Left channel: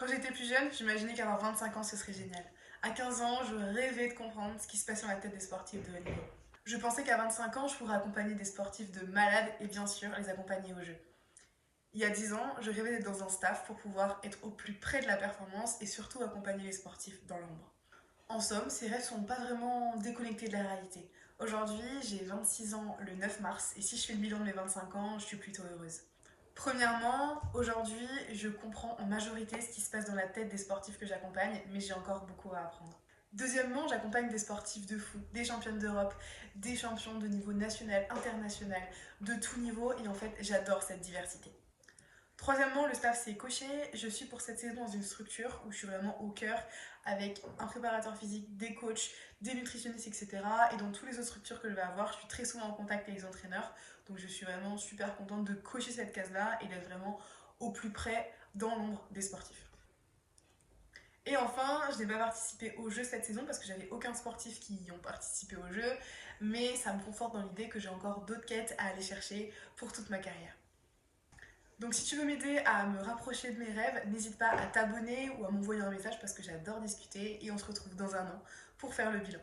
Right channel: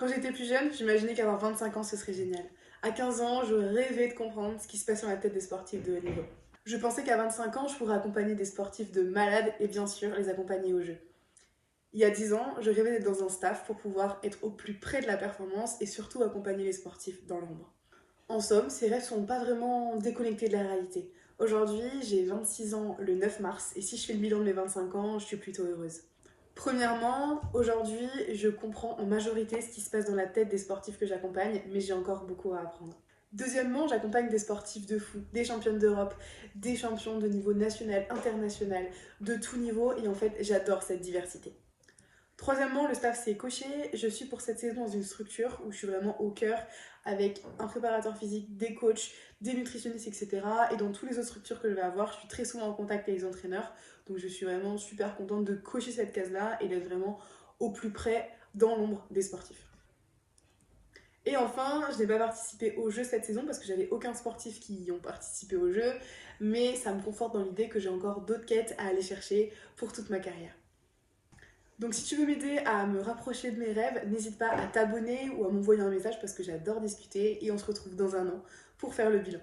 Quand j'étais plus jeune, j'imaginais qu'avoir 25 ans, ce serait génial. À 15 ans, je rêvais de comprendre ce qui se passait dans la tête des sportifs de haut niveau. Je pensais qu'à 25 ans, je pourrais accompagner des sportifs de malades et bien sûr les accompagner au jeu. Il y a 10 ans, je rêvais d'être dans un staff pour pouvoir être au plus près de la performance et surtout accompagner les sportifs dans l'ombre. En somme, ces rêves sont pas vraiment déconnectés de la réalité. Aujourd'hui, j'ai 26 ans le 9 mars et si je fais le bilan de mes 25 ans, je suis plutôt heureuse. Premièrement, aujourd'hui, je comprends en majorité ce qui se passe dans la tête des sportifs que j'accompagne, mais j'ai encore beaucoup à apprendre. Deuxièmement, j'accompagne des sportifs de fou, des championnes d'Europe, des champions de niveau national, international, de tout niveau, et en fait, j'adore cette diversité. Troisièmement, le staff s'est coché. Je suis pour cette saison dans une structure où je suis vraiment au cœur avec un préparateur physique, des coachs, des nutritionnistes, etc. Et dans toutes les autres structures que je vais avoir, je suis très souvent en contact avec les entraîneurs. Donc je suis vraiment super contente de cocher cette case-là et d'être vraiment au plus près dans l'ombre des sportifs. Et enfin, je n'ai pas participé au jeu cette saison parce que j'avais aucun sportif qui y ont participé au jeu, mais ça me conforte dans l'idée que j'ai encore d'autres quêtes à aller chercher pour toute ma carrière. Donc si tu veux m'aider à me rapprocher de mes rêves, n'hésite pas à t'abonner ou à m'envoyer un message parce que j'adore discuter et on se retrouve dans un an pour faire le bilan.